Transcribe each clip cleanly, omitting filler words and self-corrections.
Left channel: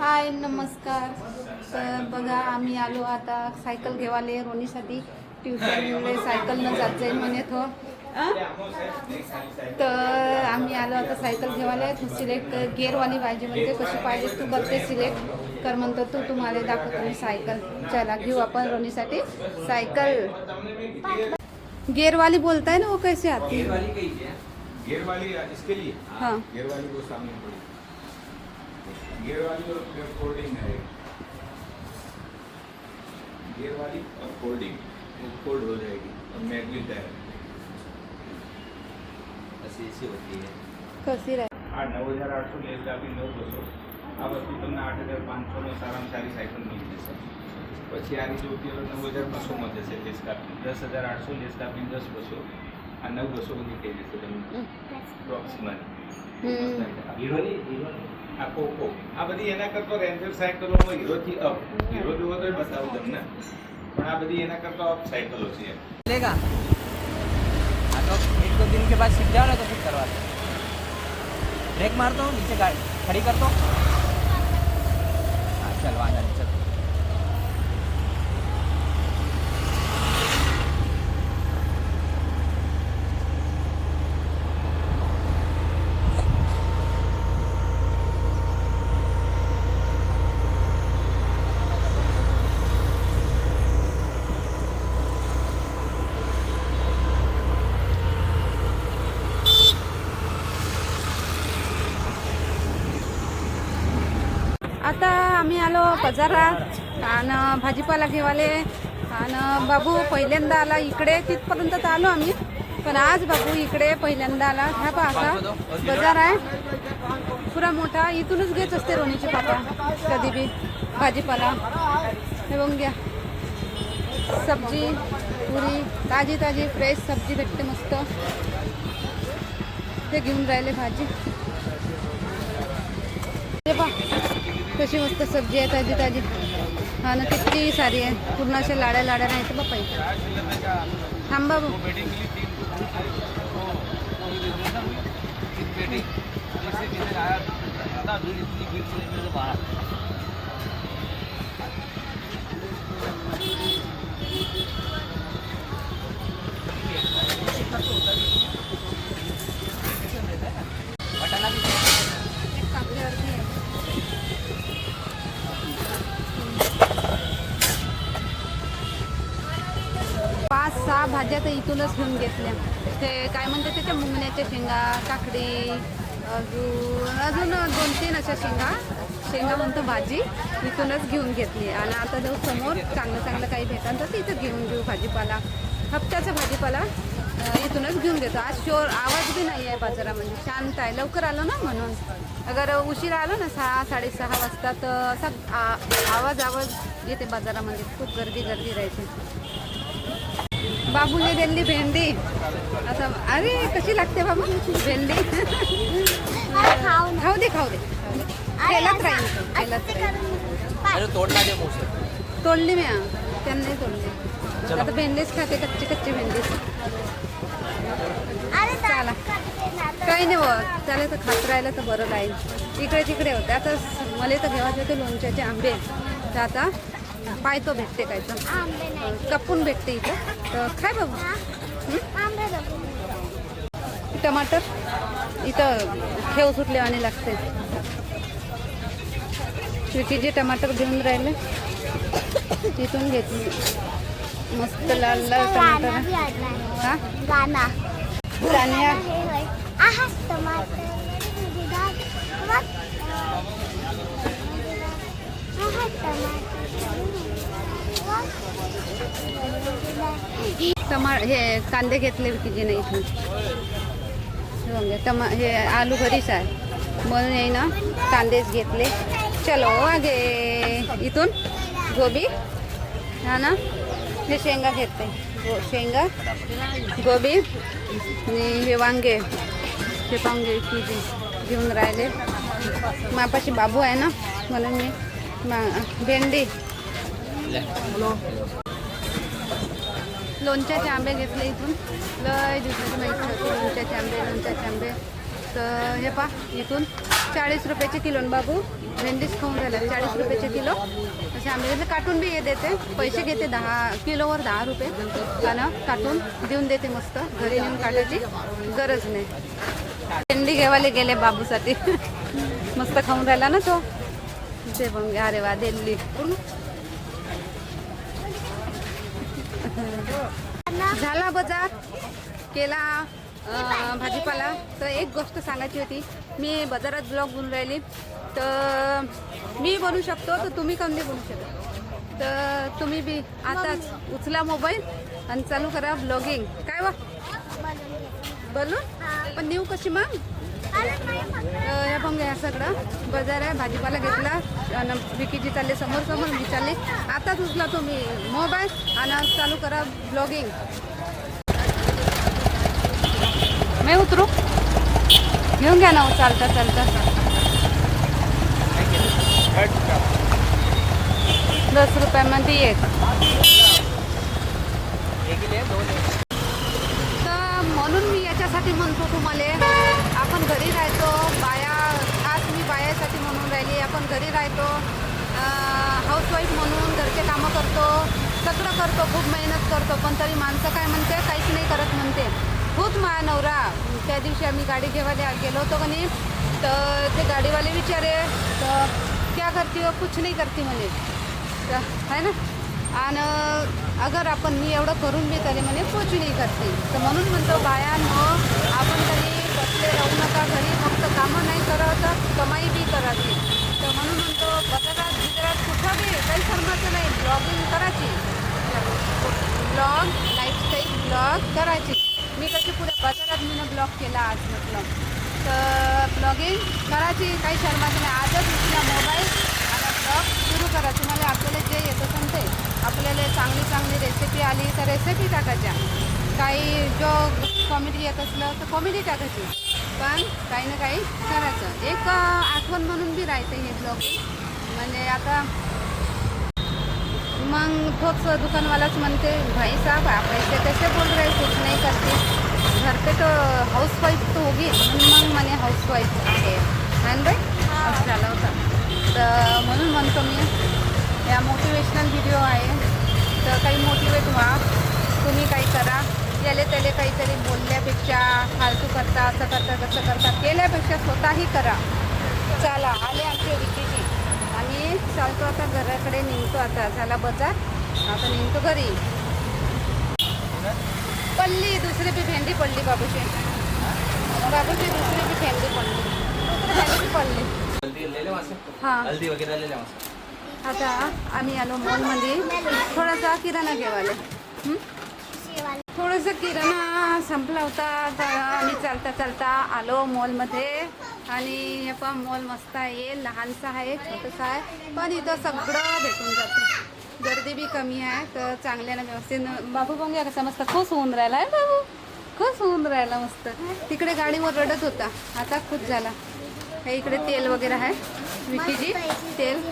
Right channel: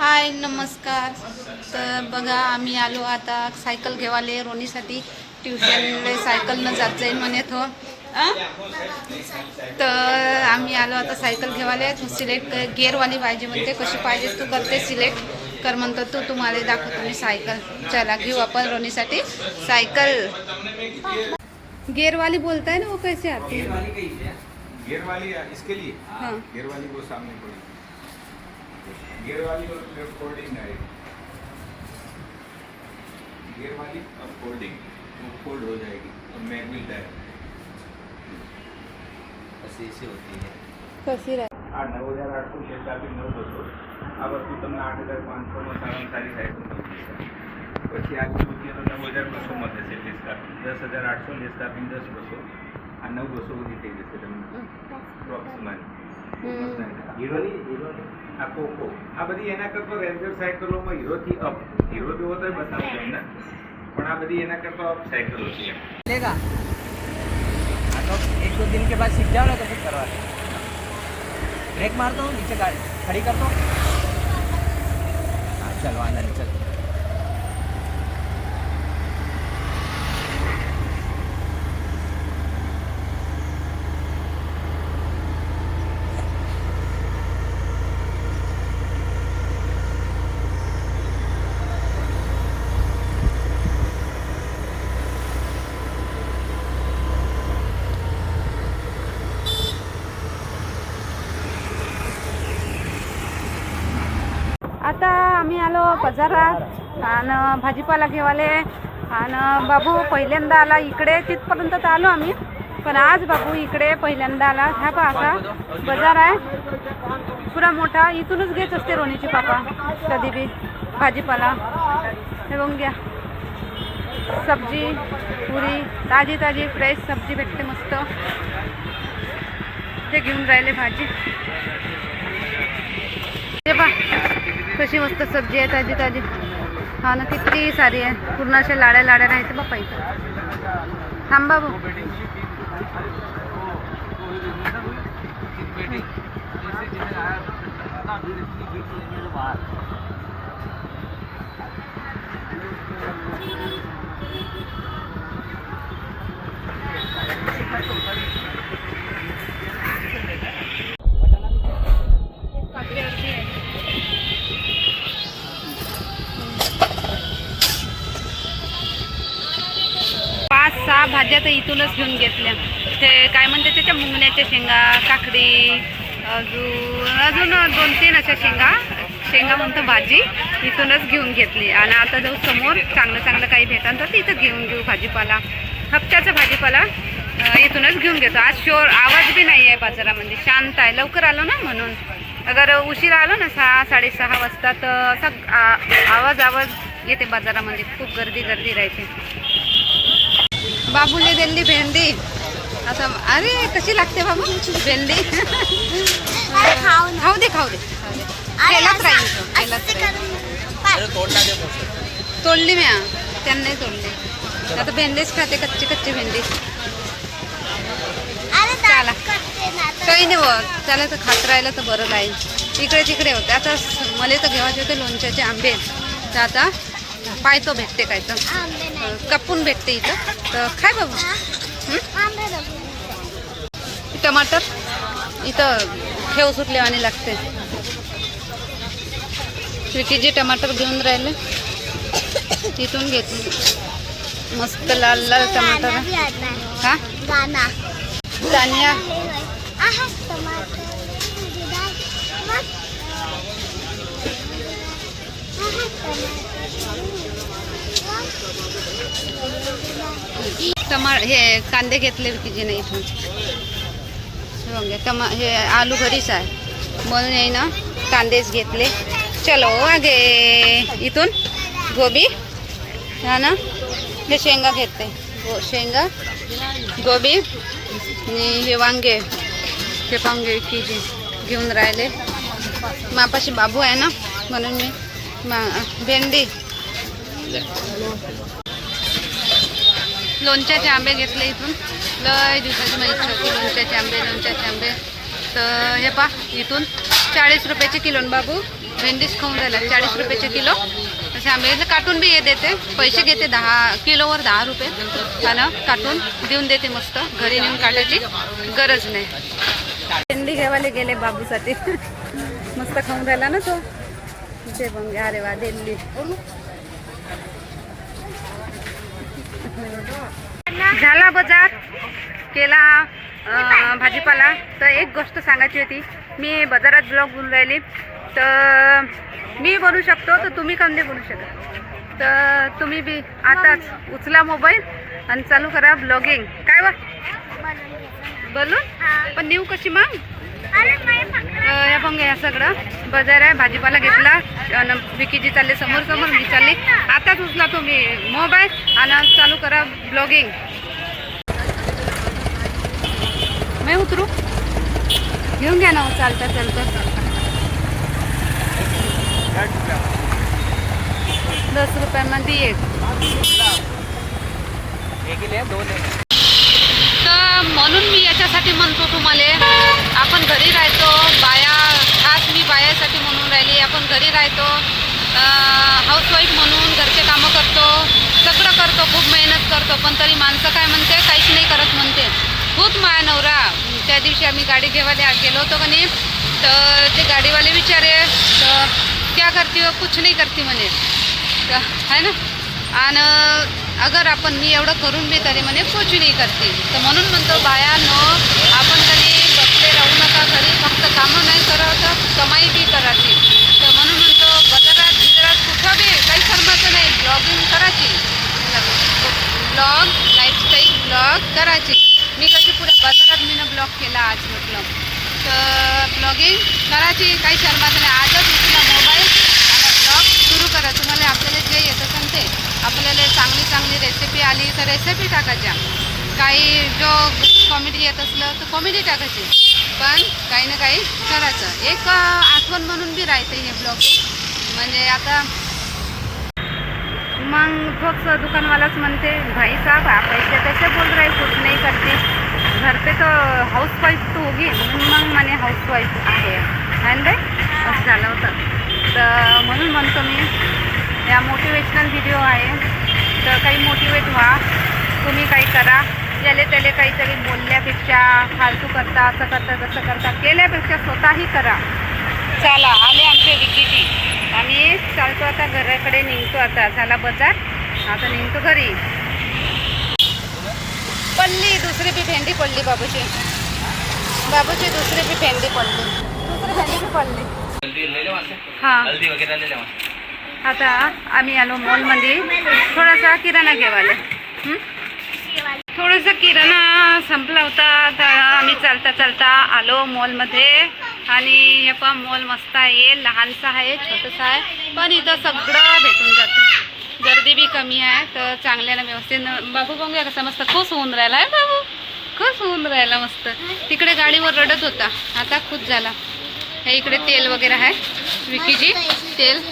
हाय नमस्कार. तर बघा आम्ही आलो आता सायकल घेवाले रोनीसाठी ट्युशनला सायकलनं जात जाईल म्हणे तो. तर आम्ही आलो आता सायकल घेवाले. तू सिलेक्ट गेअरवाली पाहिजे म्हणते. कशी पाहिजे तू करते सिलेक्ट कर म्हणतो. तुम्हाला दाखवतो मी सायकल. चला घेऊ आपण रोनीसाठी सायकल. गेअरवाली बोलताय ना वो कैसे आती है? गियर वाली इसके लिए हाँ गियर वाली वो सामने पड़ी गियर वाली और फोल्डिंग है गियर वाली और फोल्डिंग वो फोल्ड हो जाएगी और मैनुअल टायर ऐसी होती है कशी राह 9,800 लेस आपी 9,200 આ વસ્તુ તમને 8,500 માં સારામાં સારી સાયકલ મળતી છે. પછી આગળ જોતી તો 9,200 માં થશે લેસ કાપી 10,800 લેસ કાપી 10,200 આ 9,200 બધી થઈ જશે તમને પ્રોક્સિમલી હીરોની આ કોકો આ બધી એના કરતો રેન્જર સાયકલોમાં હીરોથી અપ હીરો જોવો તો બતાવું તમને પણ આ બધી એના કરતો અપ સાયકલો છે એમ लेगा मतलब एक दो दिन के बाद सीख जाओ ना तो फिर करवा दो. ब्रेक मार दो नीचे गाड़ी खड़ी कर दो. चल वाला नहीं चल. आता आम्ही आलो बाजारात आणि भाजीपाला घेवाले. आणि बाबू पहिल्यांदा आला इकडे. तिथपर्यंत तर आलो आम्ही, पण आज बाबू इकडे पहिल्यांदा आला. हा पहा असा बाजार आहे पुरा मोठा. इथूनच घेत असते रोनीचे पापा कधी बी भाजीपाला. हे बघून घ्या सब्जी पुरी ताजी ताजी फ्रेश सब्जी भेटते मस्त. ते घेऊन राहिले भाजी. हे पहा कशी मस्त सब्जी आहे ताजी ताजी. हा ना किती सारी आहे. पूर्ण अशा लाड्या लाड्या राहायचं बाप्पा इथं. थांबा भाऊ. पाच सहा भाज्या तर इथूनच घेऊन घेतल्या. ते काय म्हणते त्याच्या मुंगण्याच्या शेंगा काकडी अजून 2-3 अशा शेंगा म्हणतो भाजी इथूनच घेऊन घेतली. आणि आता जाऊ समोर चांगलं काही भेटाल तर तिथं घेऊन घेऊ भाजीपाला. हप्त्याचा भाजीपाला इथूनच घेऊन घेतो. आज शोर आवाज बी नाही आहे बाजारामध्ये. शांत आहे. लवकर आलो ना म्हणून. अगर उशीर आलो ना 6-6:30 वाजता तर असा आवाज येते बाजारामध्ये. खूप गर्दी राहते. बाबूने दिली भेंडी. आता अरे कशी लागते बाबू भेंडी. खाऊ दे तेलात राहील. तोडली मी त्यांनी तोडली. आता भेंडीच खाते कच्ची भेंडी. चला काही नाही होत. त्याला तर खात राहिलं तर बरं राहील. इकडे तिकडे होते. आता मला तर घेवायचे होते लोणच्याचे आंबे. तर आता पायतो भेटते काय तर कापून भेटते इथं तर खाय बाबू. टमाटर इथं ठेव सुटलेवानी लागते. स्वीटी जे टमाटर घेऊन राहिले तिथून घेतली. मस्त लाल टमाटर. हा दानिया हे कांदे घेतले विकीजीने इथून. हे आलू घरीच आहे म्हणून आहे ना कांदेच घेतले. चलो आगे. इथून गोबी हा ना हे शेंगा घेते. शेंगा गोबी आणि हे वांगे विकीजी घेऊन राहिले. मापाशी बाबू आहे ना म्हणून मी भेंडी लोणच्याचे आंबे घेतले इथून. लय दिवसाची माझी इच्छा होती लोणच्याचे आंबे. तर हे पा इथून 40 रुपयाचे किलो बाबू. भेंडीच खाऊन राहिला 40 रुपयाचे किलो. तसे आंबे काटून बी हे देते, पैसे घेते 10 किलोवर 10 रुपये. आणि काटून देऊन देते मस्त, घरी नेऊन काटायची गरज नाही. भेंडी घेवाले गेले बाबूसाठी. मस्त खाऊन राहिला ना तो. ते बघ, अरे वा दिल्ली. झाला बाजार केला भाजीपाला. तर एक गोष्ट सांगायची होती, मी बाजारात ब्लॉग बनवून राहिली. तर मी बनवू शकतो, तर तुम्ही काऊन नाही बनवू शकत? तर तुम्ही बी आताच उचला मोबाईल आणि चालू करा ब्लॉगिंग. काय वा बोलून पण नेऊ कशी मग? हे बघ, या सगळं बाजार आहे, भाजीपाला घेतला. आणि विकीजी चालले समोर समोर, मी चालली. आताच उचला तुम्ही मोबाईल आणि चालू करा ब्लॉगिंग. मी उतरू, घेऊन घ्या ना चालता चालता. 10 रुपयामध्ये येत. तर म्हणून मी याच्यासाठी म्हणतो तुम्हाला, आपण घरी राहतो बाया, खास मी बायासाठी म्हणून राहिली. आपण घरी राहतो, हाऊसवाईफ म्हणून घरचे कामं करतो, सगळं करतो, खूप मेहनत करतो. पण तरी माणसं काय म्हणते, काहीच नाही करत म्हणते. खूप माया नवरा. त्या दिवशी आम्ही गाडी घेवायला गेलो होतो का नाही, तर ते गाडीवाले विचारे, तर क्या करती हो? कुछ नाही करती म्हणे, है ना. आणि अगर आपण मी एवढं करून बी तरी म्हणे कुछ नाही करते. तर म्हणून म्हणतो बायानो, आपण कधी बसले राहू नका घरी, फक्त कामं नाही करावं, कमाई बी करायची. तर म्हणून म्हणतो बाजारात बिजारात कुठं बी काही शरमाचं नाही, ब्लॉगिंग करायची, ब्लॉग लाईफस्टाईल ब्लॉग करायची. मी कशी पुऱ्या बाजारात मी ब्लॉग केला आज म्हटलं. तर ब्लॉगिंग करायची, काही शरमाचं नाही. आजच उचला मोबाईल आणि ब्लॉग सुरू करा. तुम्हाला आपल्याला जे येतं सांगते, आपल्याला चांगली चांगली रेसिपी आली तर रेसिपी टाकायच्या, काही जो कॉमेडी येत असलं तर कॉमेडी टाकायची. पण काही ना काही करायचं. एक आठवण म्हणून बी राहते हे ब्लॉगिंग. म्हणजे आता मग तोच दुकानवालाच म्हणते, भाई साहब आप ऐसे कैसे बोल रहे, कुछ नहीं करती, घर पे तो हाऊसवाईफ तो होगी. मग म्हणे हाऊसवाईफ आहे ना बाई, असं झालं होतं. तर म्हणून म्हणतो मी, या मोटिवेशनल व्हिडिओ आहे, तर काही मोटिवेट व्हा, तुम्ही काही करा. याले त्याले काहीतरी बोलल्यापेक्षा, फालतू करता, असं करता तसं करता, केल्यापेक्षा स्वतःही करा. चला आले आमचे विकीजी, आम्ही चालतो आता घराकडे निघतो. आता झाला बाजार, आता निघतो घरी. पडली दुसरी बी भेंडी पडली बाबूची, बाबूची दुसरी बी भेंडी पडली. हां, आता आम्ही आलो मॉलमध्ये थोडासा किराणा घेवायला. थोडासा किराणा संपला होता, तर आम्ही चालता चालता आलो मॉलमध्ये. आणि हे पण मॉल मस्त आहे, लहानसा आहे, छोटंसं आहे, पण इथं सगळं भेटून जातं. गर्दी बी कमी आहे, तर चांगल्यानं व्यवस्थित. बाबू बघूया कसं मस्त खुश होऊन राहिला आहे. बाबू खुश होऊन राहिला मस्त. तिकडे गाडीवर रडत होता, आता खुश झाला. हे इकडे तेल वगैरे आहे, विकीजी तेल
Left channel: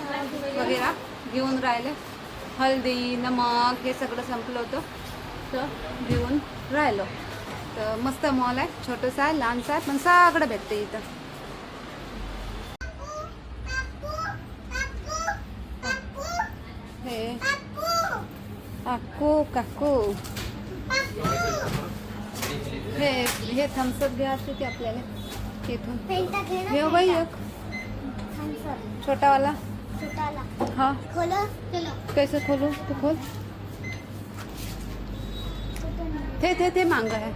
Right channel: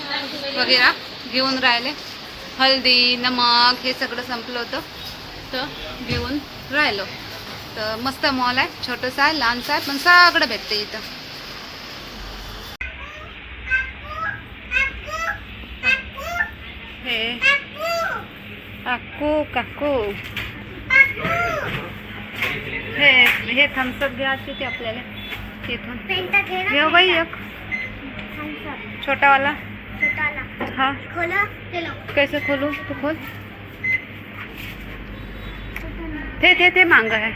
वगैरे घेऊन राहिले. हळदी, नमक हे सगळं संपलं होतं, तर घेऊन राहिलो. तर मस्त मॉल आहे, छोटंसं आहे, लहानसं आहे, पण सगळं भेटते इथं. हे काकू काकू हे थम्सअप घ्यायचे ते आपल्याला तिथून. घेऊ बाई एक छोटावाला. हाँ, कैसे खोलूं? तो खोल. ते मांगा है.